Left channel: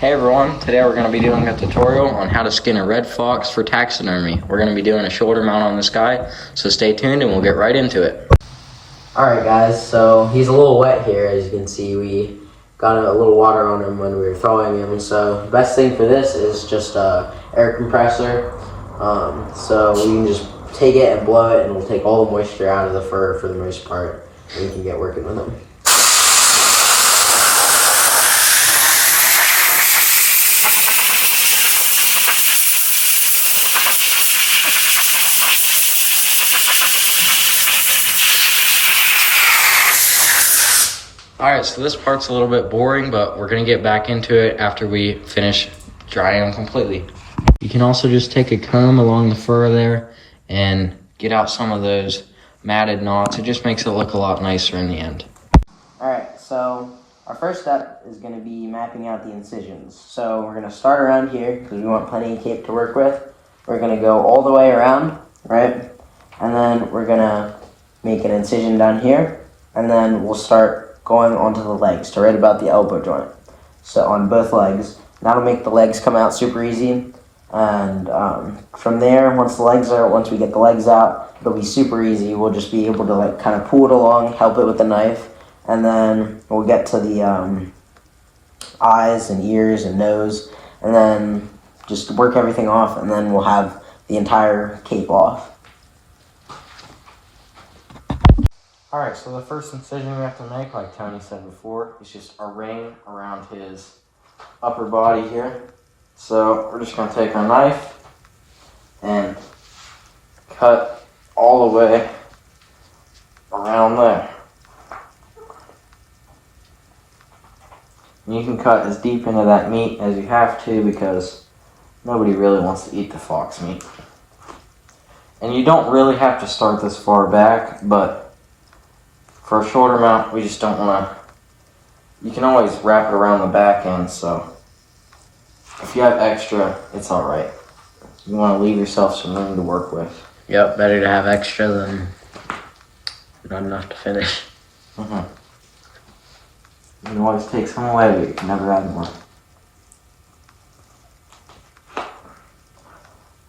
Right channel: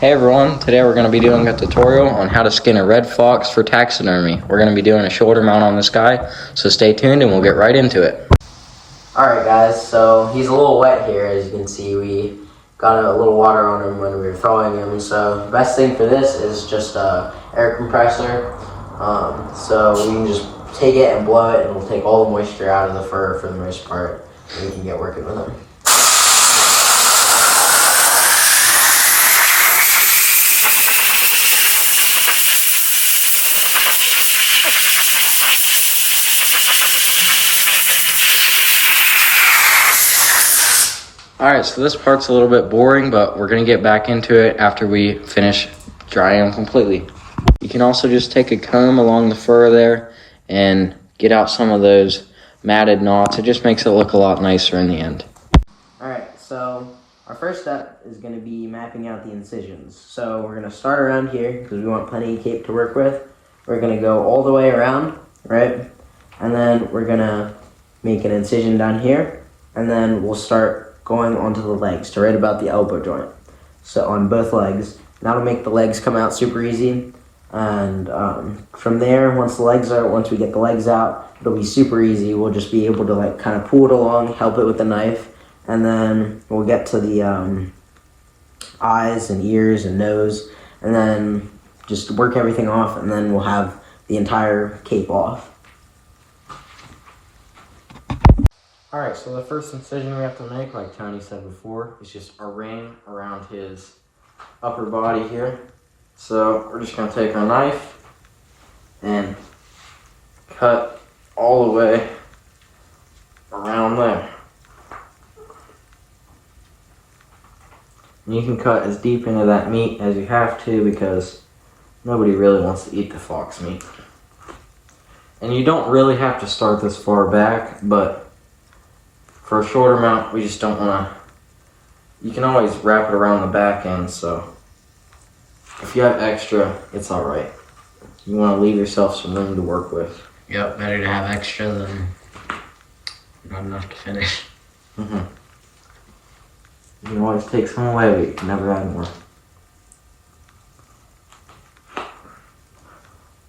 Hey everyone, today we're going to be doing a tutorial on how to skin a red fox for taxidermy. We're going to be doing a shoulder mount on this guy, so stay tuned and we'll get right into it. Alright guys, so he's a little wet here. As you can see, we got a little water on him when we were throwing him, so the best thing for this is just a air compressor. So we can just take it and blow it and we'll take all the moisture out of the fur for the most part, and we can get working with him. Alright, so this part's a little bit boring, but we're going to get back into it after we finish drying them completely. You can also just take a comb along the fur there and get out some of those matted knots. It just makes it look a lot nicer in the end. Alright, so our first step is going to be mapping out the incisions. So we're going to start around here because we want plenty of cape to work with. We're going to go all the way around, right? And then we're going to make an incision down here, and then we'll start going onto the legs to right about the elbow joint. So on both legs. That'll make the legs come out super easy. And from there, once we get the legs out, it'll be super easy. We'll just be able to like kind of pull it along, help it with the knife, and then we'll get to the eyes and ears and nose, and then just work everything off, and then we'll have the entire cape off. Alright, so the first incision we have to make, like Tony said before, is just a ring around his upper body here. So we're just going to take our knife and cut all the way around there. And you can cut as deep into that meat as you have to, because nobody really wants to eat the fox meat. And you don't really have to start this far back, but for a shorter mount, we just don't want to. You can always wrap it around the back end, so if you have extra, it's alright. You want to leave yourself some room to work with. Yep, better to have extra than not enough to finish. You can always take some away, but you can never add more.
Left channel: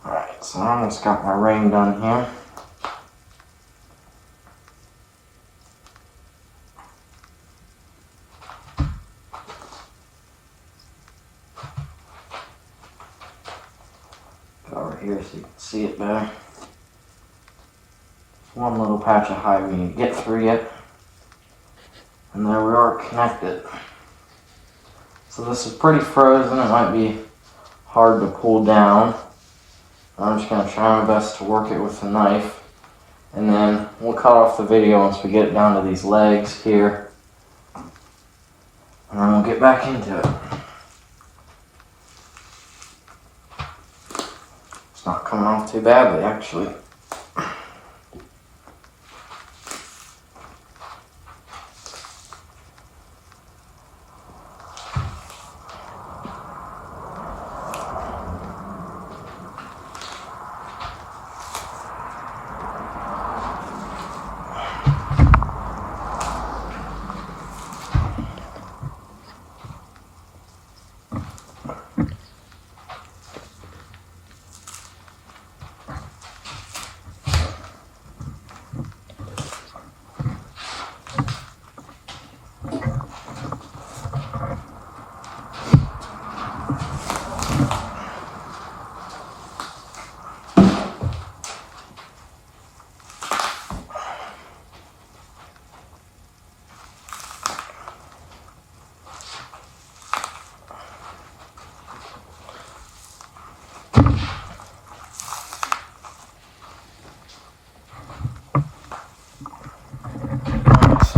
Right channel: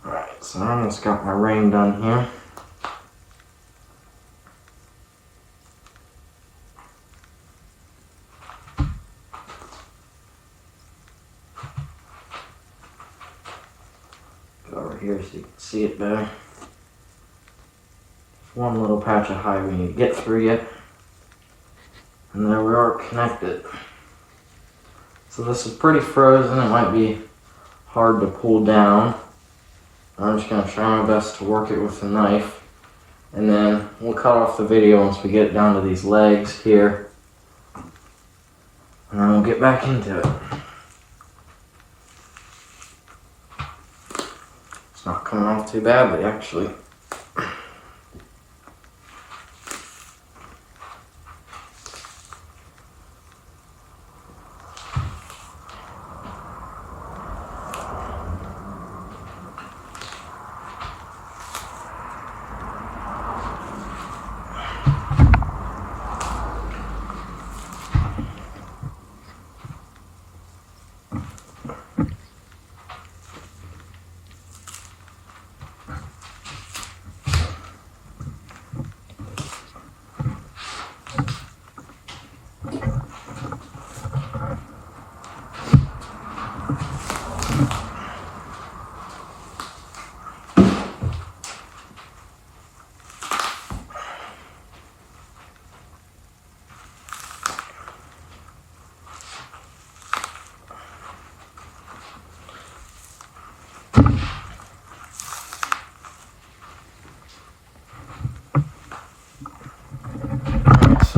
Alright, so I almost got my ring done here. Over here so you can see it better. One little patch of hide we need to get through yet. And there we are, connected. So this is pretty frozen. It might be hard to pull down. I'm just going to try my best to work it with the knife. And then we'll cut off the video once we get it down to these legs here. And then we'll get back into it. It's not coming off too badly, actually.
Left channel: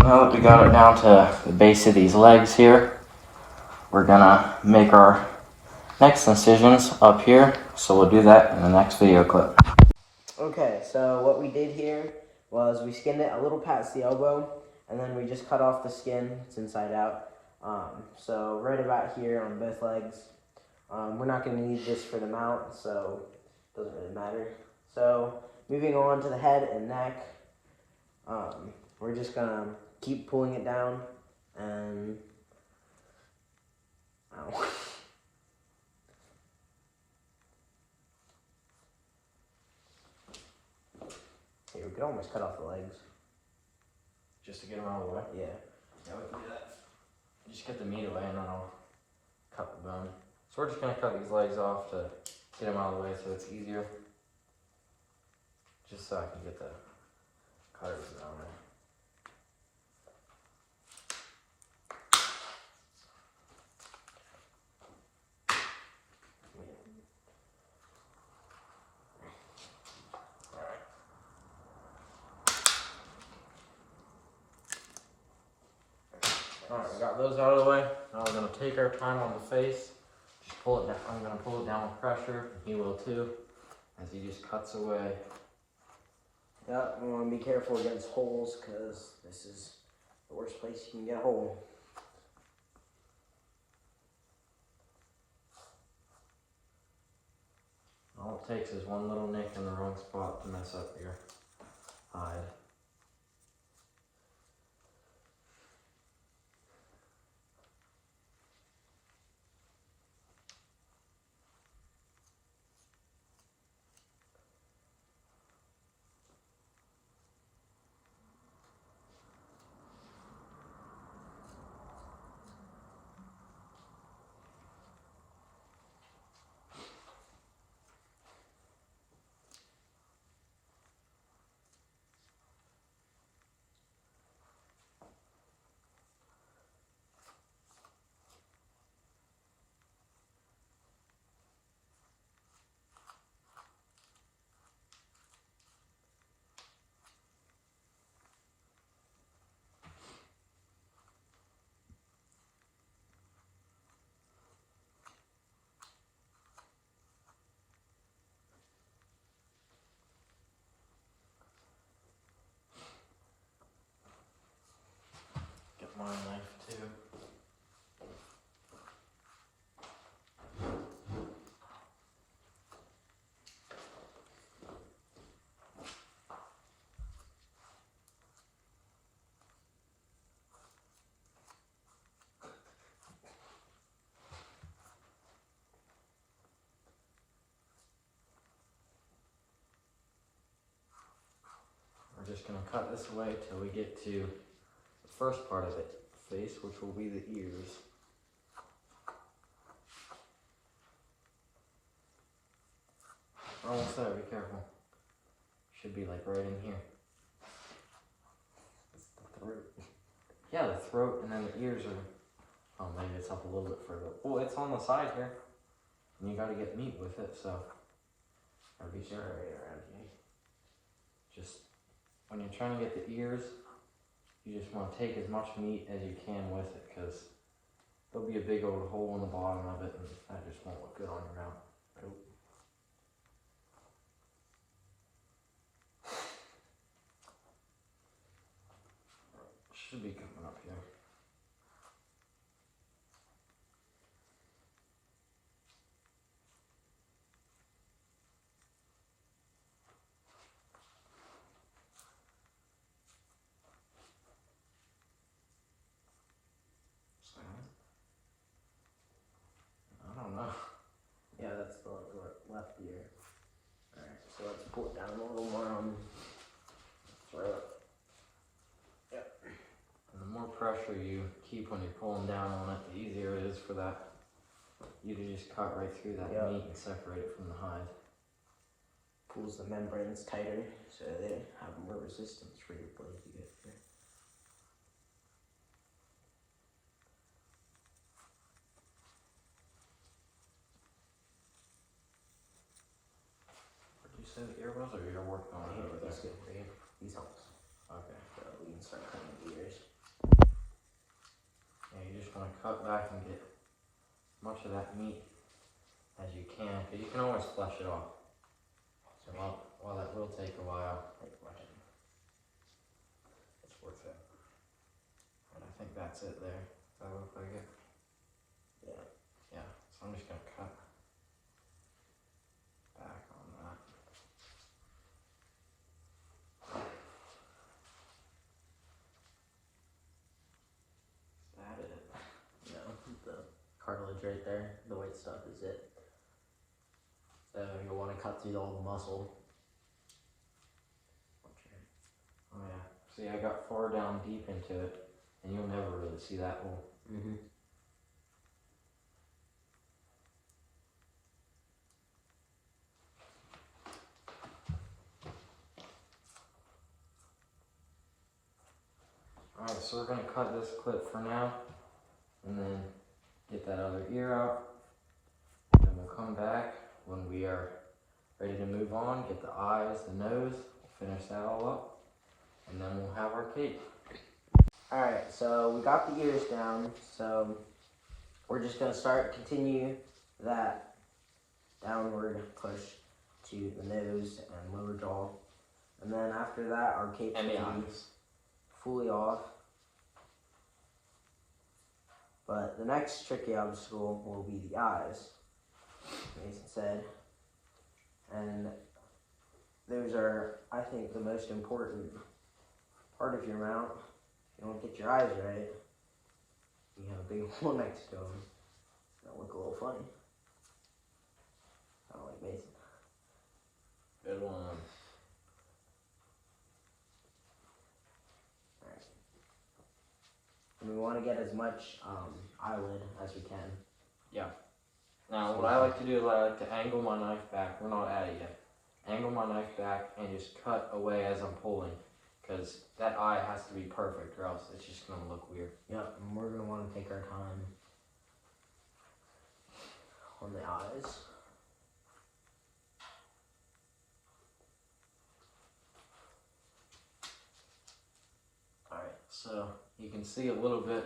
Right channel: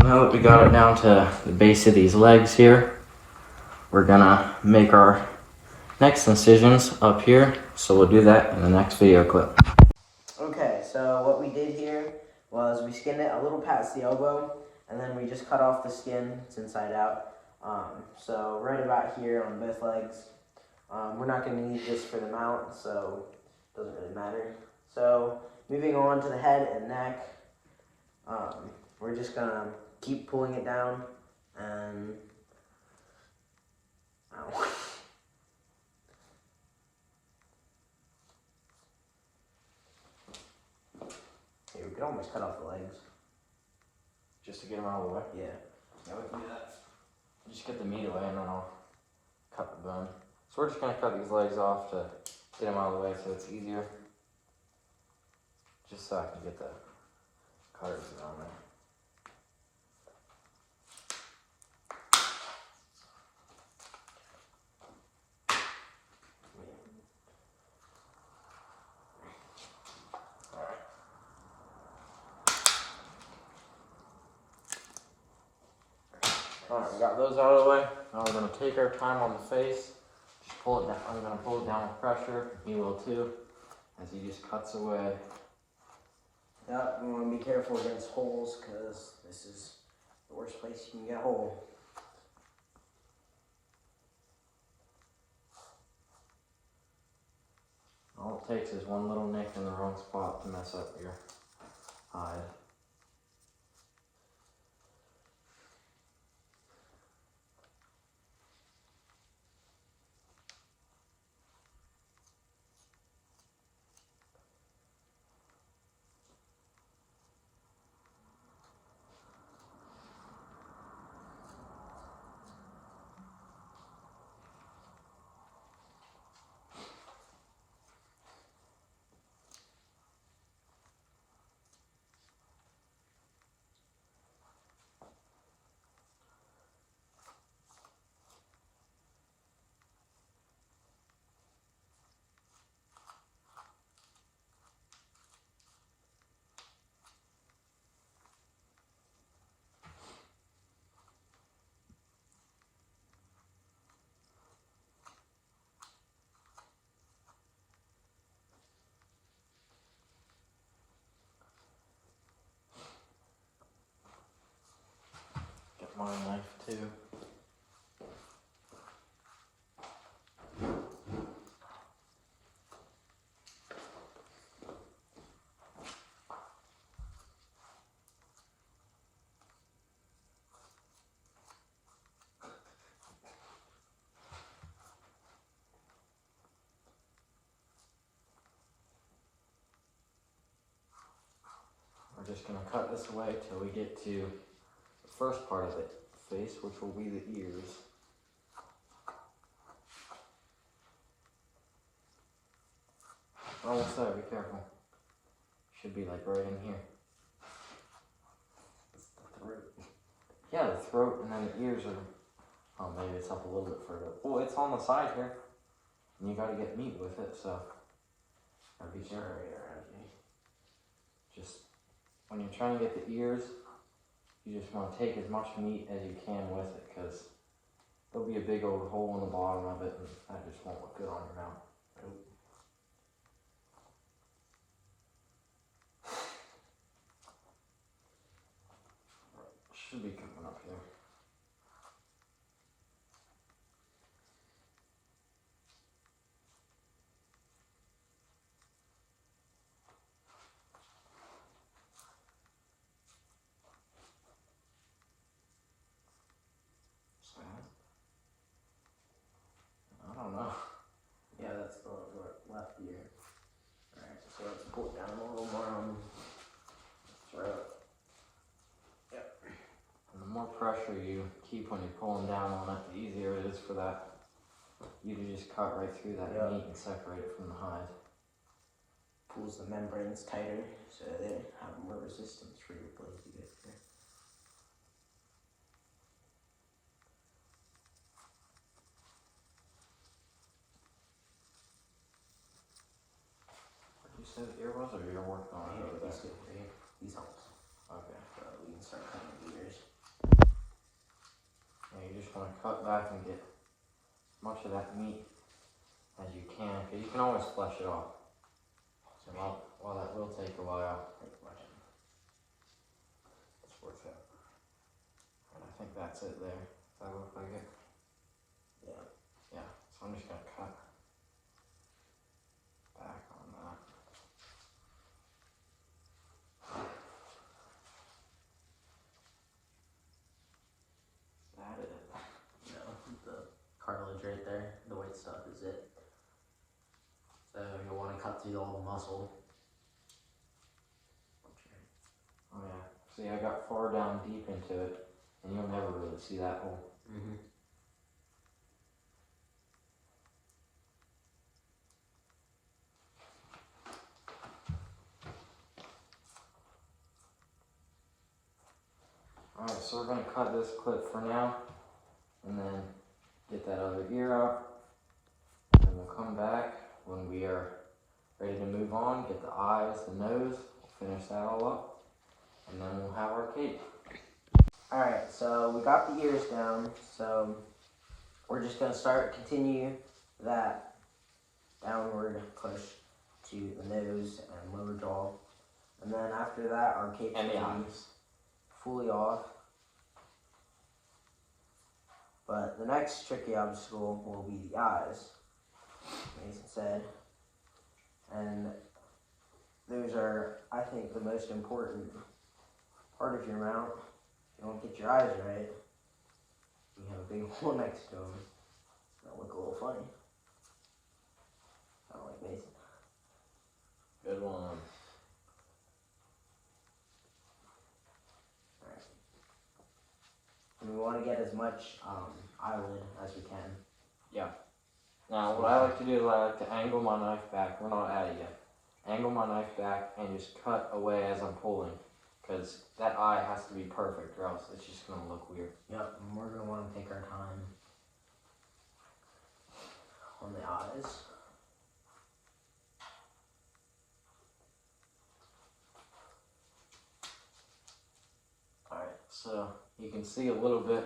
Now that we got it down to the base of these legs here, we're gonna make our next incisions up here, so we'll do that in the next video clip. Okay, so what we did here was we skinned it a little past the elbow, and then we just cut off the skin. It's inside out. So right about here on both legs. We're not going to need this for the mount, so it doesn't really matter. So moving on to the head and neck, we're just going to keep pulling it down and could almost cut off the legs. Just to get them out of the way? Yeah. Yeah, we can do that. Just get the meat away and then I'll cut the bone. So we're just gonna cut these legs off to get them out of the way so it's easier. Just so I can get the cutters on there. Alright, we got those out of the way. Now we're going to take our time on the face. Just pull it down. I'm going to pull it down with pressure. He will too. As he just cuts away. Yeah, you want to be careful against holes because this is the worst place you can get a hole. All it takes is one little nick in the wrong spot to mess up your hide. Get my knife too. We're just going to cut this away till we get to the first part of the face, which will be the ears. Almost there, be careful. Should be like right in here. The throat. Yeah, the throat and then the ears are, oh maybe it's up a little bit further. Well, it's on the side here. And you gotta get meat with it, so. Gotta be careful. Just, when you're trying to get the ears, you just want to take as much meat as you can with it, because there'll be a big old hole in the bottom of it, and that just won't look good on your mouth. Nope. Should be coming up here. I don't know. Yeah, that's the left ear. Alright, so let's pull it down a little more on the throat. Yep. And the more pressure you keep when you're pulling down on it, the easier it is for that you to just cut right through that meat and separate it from the hide. Pulls the membranes tighter so they have more resistance for your blade to get through. Did you say the ear was, or you're working on it over there? Good. These helps. Okay. So we can start cutting the ears. Yeah, you just want to cut back and get as much of that meat as you can, because you can always flesh it off. So while that will take a while, Like, watch it. It's worth it. and I think that's it there. Does that look like it? Yeah. Yeah, so I'm just going to cut back on that. Is that it? No, the cartilage right there, the white stuff is it. So you'll want to cut through all the muscle. See, I got far down deep into it, and you'll never really see that hole. Mm-hmm. Alright, so we're going to cut this clip for now, and then get that other ear out, and we'll come back when we are ready to move on, get the eyes, the nose, we'll finish that all up, and then we'll have our cape. Alright, so we got the ears down, so we're just going to continue that downward push to the nose and lower jaw. And then after that, our cape And the will be eyes. fully off. But the next tricky obstacle will be the eyes, Mason said. And those are, I think, the most important part of your mount. If you don't get your eyes right, you have a big hole next to them. That'll look a little funny. I don't like Mason. Good one. Alright. And we want to get as much eyelid as we can. Yeah. Now, what I like to do is I like to angle my knife back. We're not at it yet. Angle my knife back and just cut away as I'm pulling. Because that eye has to be perfect or else it's just going to look weird. Yep, and we're going to want to take our time on the eyes. Alright, so you can see a little bit.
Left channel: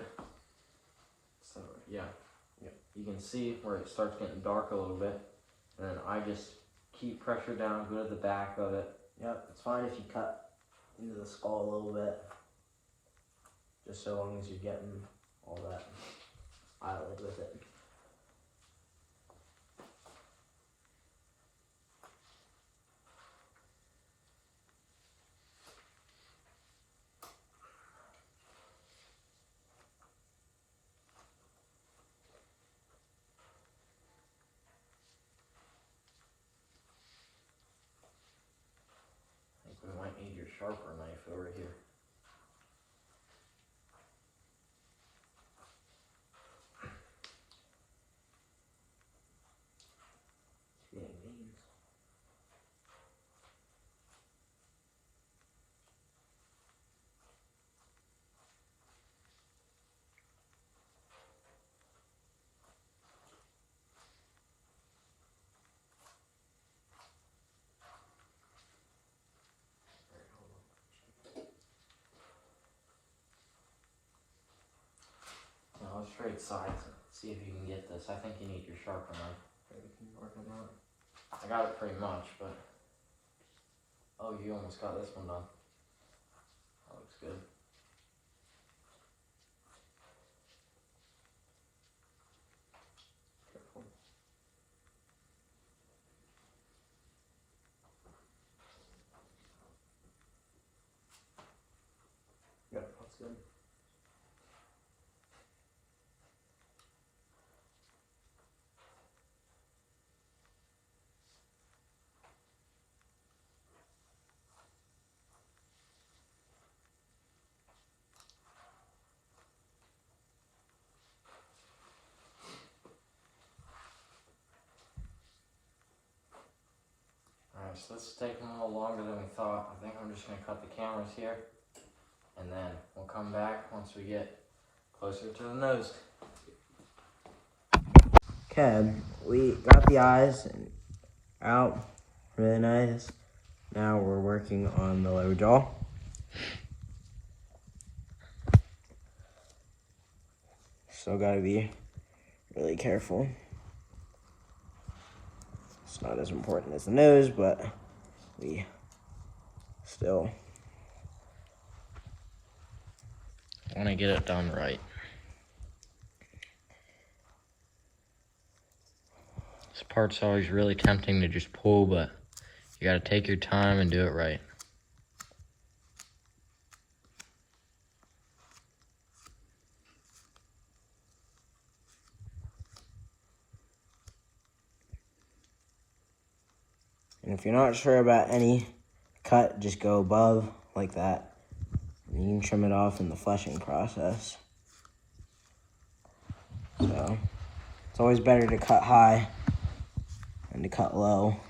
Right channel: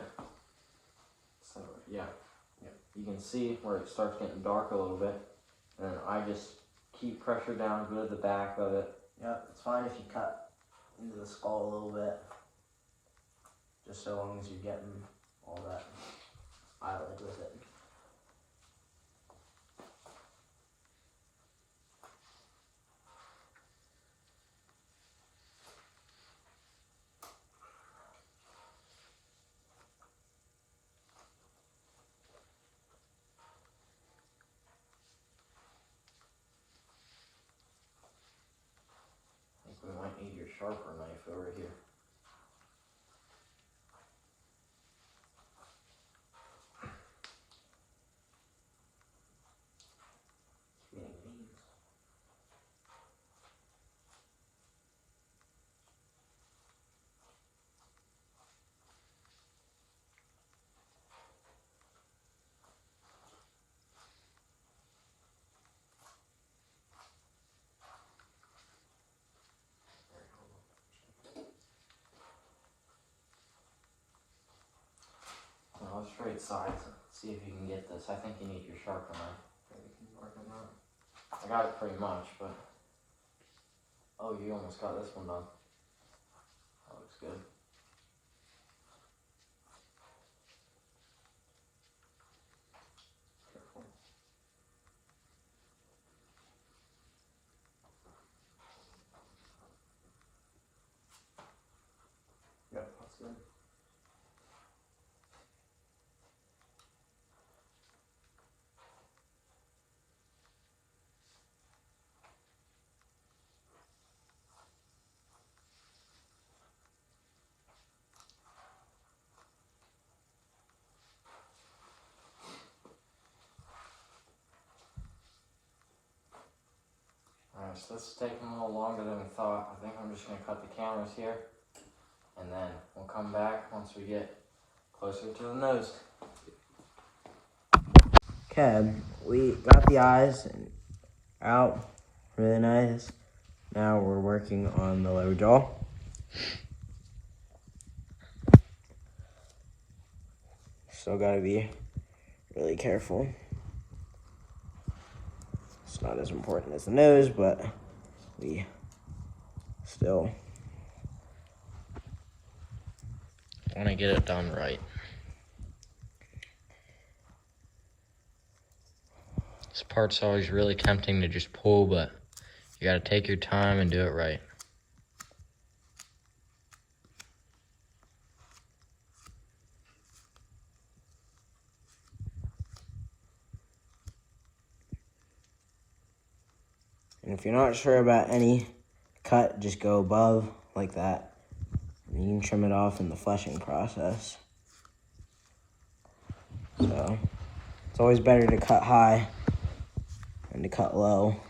So, yeah. You can see where it starts getting dark a little bit. And then I just keep pressure down, go to the back of it. Yep, it's fine if you cut into the skull a little bit. Just so long as you're getting all that eyelid with it. I think we might need your sharper knife over here. It's getting veins. Now let's trade sides. See if you can get this. I think you need your sharper knife. Maybe we can work on that. I got it pretty much, but... Oh, you almost got this one done. That looks good. Careful. Yep, that's good. Alright, so this is taking a little longer than we thought. I think I'm just going to cut the cameras here. And then we'll come back once we get closer to the nose. Okay, we got the eyes out. Really nice. Now we're working on the lower jaw. So gotta be really careful. It's not as important as the nose, but we still want to get it done right. This part's always really tempting to just pull, but you gotta take your time and do it right. And if you're not sure about any cut, just go above like that. and trim it off in the fleshing process. So it's always better to cut high than to cut low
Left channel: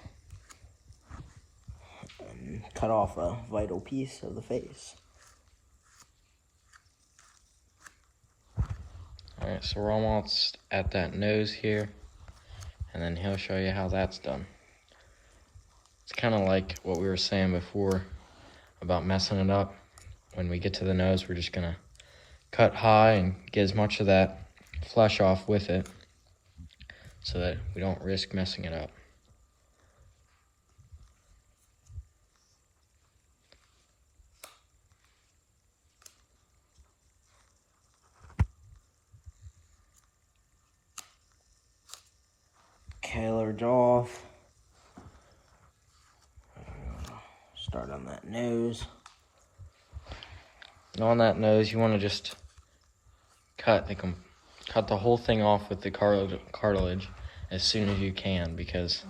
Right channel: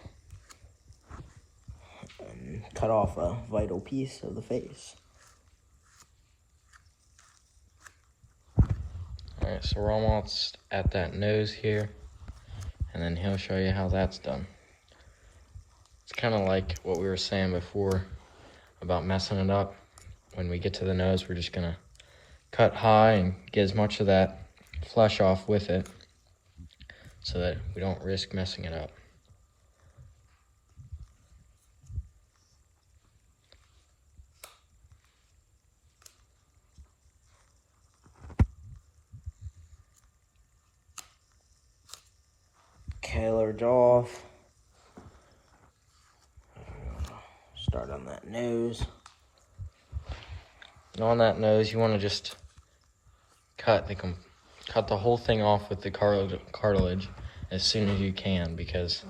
and cut off a vital piece of the face. Alright, so we're almost at that nose here, and then he'll show you how that's done. It's kind of like what we were saying before about messing it up. When we get to the nose, we're just going to cut high and get as much of that flesh off with it so that we don't risk messing it up. Colored off. Start on that nose. And on that nose, you want to just cut the whole thing off with the cartilage as soon as you can, because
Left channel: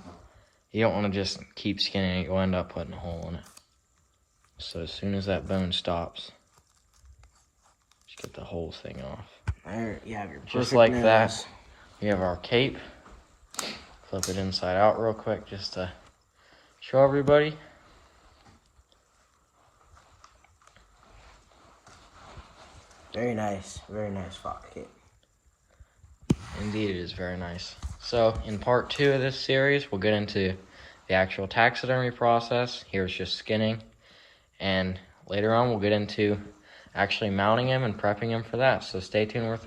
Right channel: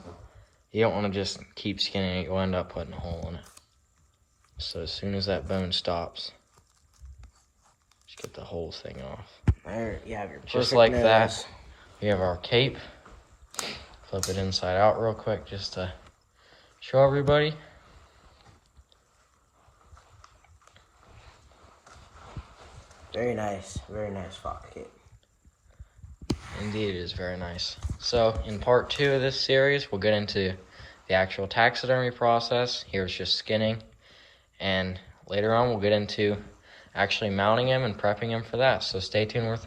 you don't want to just keep skinning it. You'll end up putting a hole in it. So as soon as that bone stops, just get the whole thing off. Yeah, just like that. We have our cape. Flip it inside out real quick just to show everybody. Very nice fox cape. Indeed, it is very nice. So in part 2 of this series, we'll get into the actual taxidermy process. Here's just skinning. And later on, we'll get into actually mounting him and prepping him for that. So stay tuned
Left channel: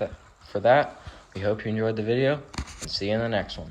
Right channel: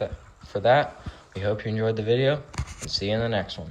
for that. We hope you enjoyed the video, and see you in the next one.